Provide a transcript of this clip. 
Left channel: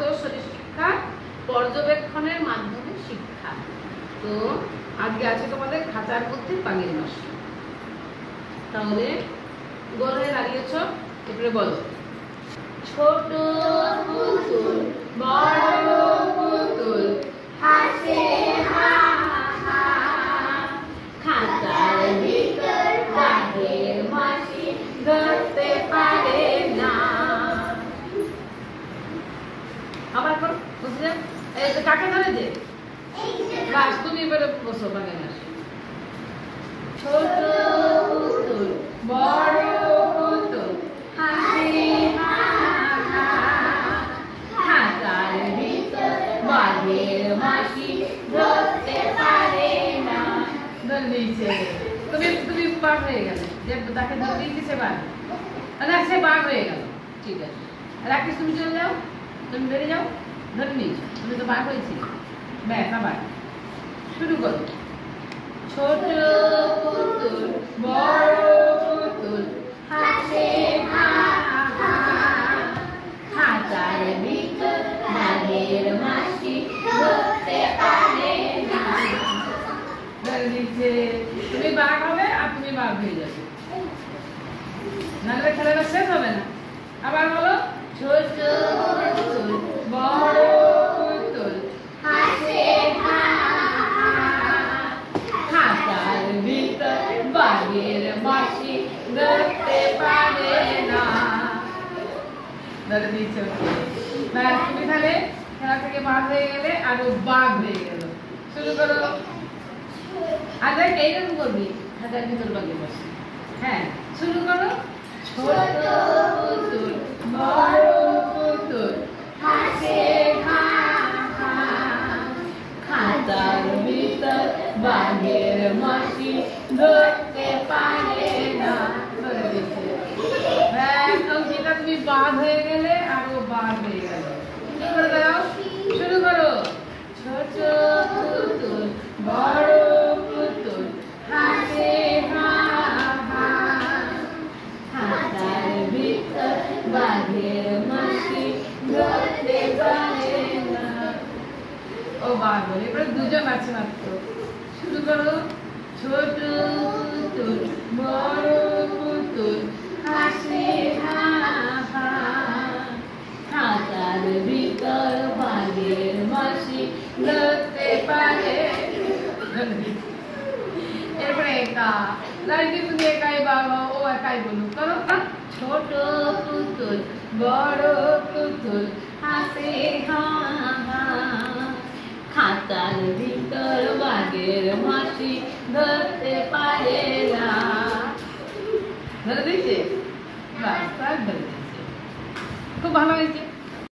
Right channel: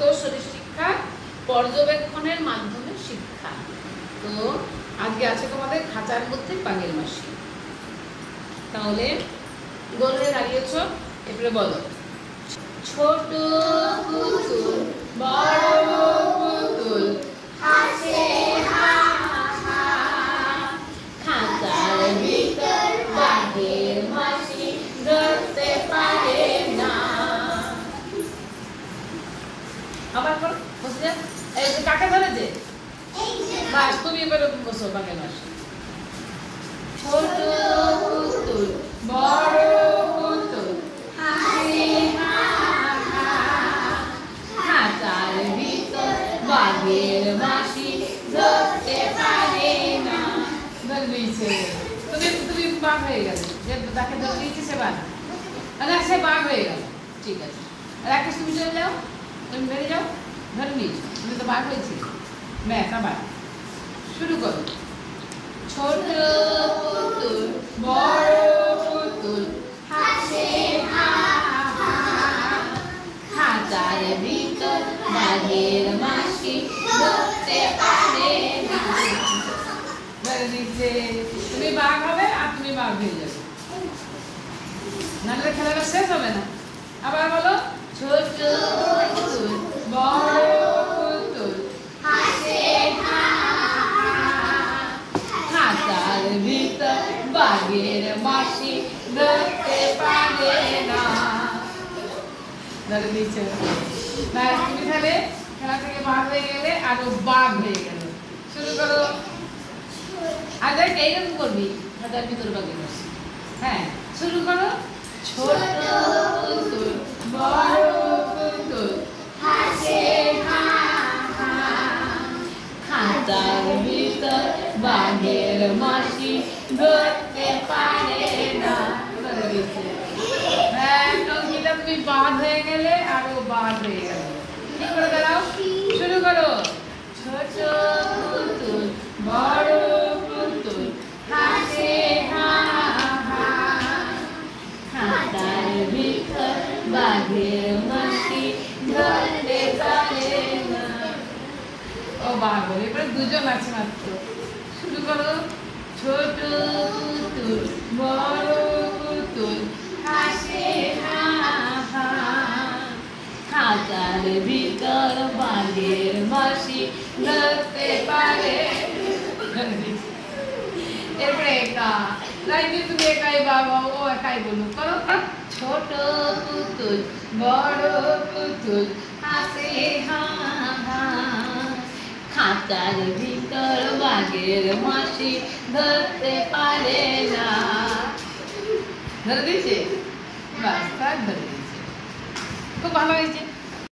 উত্তরসূরি শিক্ষা পর্যবেক্ষণের মাধ্যমে শিক্ষা। তো আজকে আছে তোমাদের খাঁচার মধ্যে বাঘের মাসি। তাহলে দৌড়ে দাঁড়িয়েছ, এবারে বলো। ছোট পুতুল বড় পুতুল হাসে হা হা, খাঁচার ভিতর বাঘের মাসি ধরতে পারে না। আবার বল, বসে যা। এই যে কাকে ধরে যে বাস, তুমি বলে বসো বাঘের মাসি। ছোট পুতুল বড় পুতুল হাসে হা হা, খাঁচার ভিতর বাঘের মাসি ধরতে পারে না। ধরলিছে তুমি, তুমি বাঘ হয়ে গেলে, যে তাকে ধরে দিয়েছে সে বাঘ, আরে সে বাঘ হয়ে গেল। ঠিক আছে, আর একটা তুমি চলে যাও, তুমি বেড়ে যাও, ধরে নিয়েছো, তুমি তো বাঘ হয়েছিল। ব্যাস, আবার শুরু করো। ছোট পুতুল বড় পুতুল হাসে হা হা, খাঁচার ভিতর বাঘের মাসি ধরতে পারে না। তুমি বাঘ হবে আর তুমি বাঘ হয়ে যাবে, নাহলে খেলাটা শেষ হবে না। আবার বলো। ছোট পুতুল বড় পুতুল হাসে হা হা, খাঁচার ভিতর বাঘের মাসি ধরতে পারে না। ধরে দিয়েছো। তুমি তাহলে খেলা থেকে বাঘ হয়ে গেলে, আরো বাঘ হয়ে গেলে। শুরু করো। আর দেখ এইরকম করবি, খাঁচার ভিতর বাঘের মাসি। হ্যাঁ, শুরু করো। ছোট পুতুল বড় পুতুল হাসে হা হা, খাঁচার ভিতর বাঘের মাসি ধরতে পারে না। হ্যাঁ, টঙ্কিটা তুমি বাঘ হয়ে গেলে, আরো বাঘ হয়ে গেল। ঠিক করে দাঁড়াও, শুরু করো। ছোট পুতুল বড় পুতুল হাসে হা হা, খাঁচার ভিতর বাঘের মাসি ধরতে পারে না। ও বাঘ, এবার দুজন আছে মাত্র। শুরু করো। ছোট পুতুল বড় পুতুল হাসে হা হা, খাঁচার ভিতর বাঘের মাসি ধরতে পারে। এরপরে একা, তুমি একাই বাঘ, ও একাই বলুন। করো। ছোট পুতুল বড় পুতুল হাসে হা হা, খাঁচার ভিতর বাঘের মাসি ধরতে পারে না। ধরে দিয়েছে, বাস, ধরে দিয়েছে। খুব ভালো হয়েছে।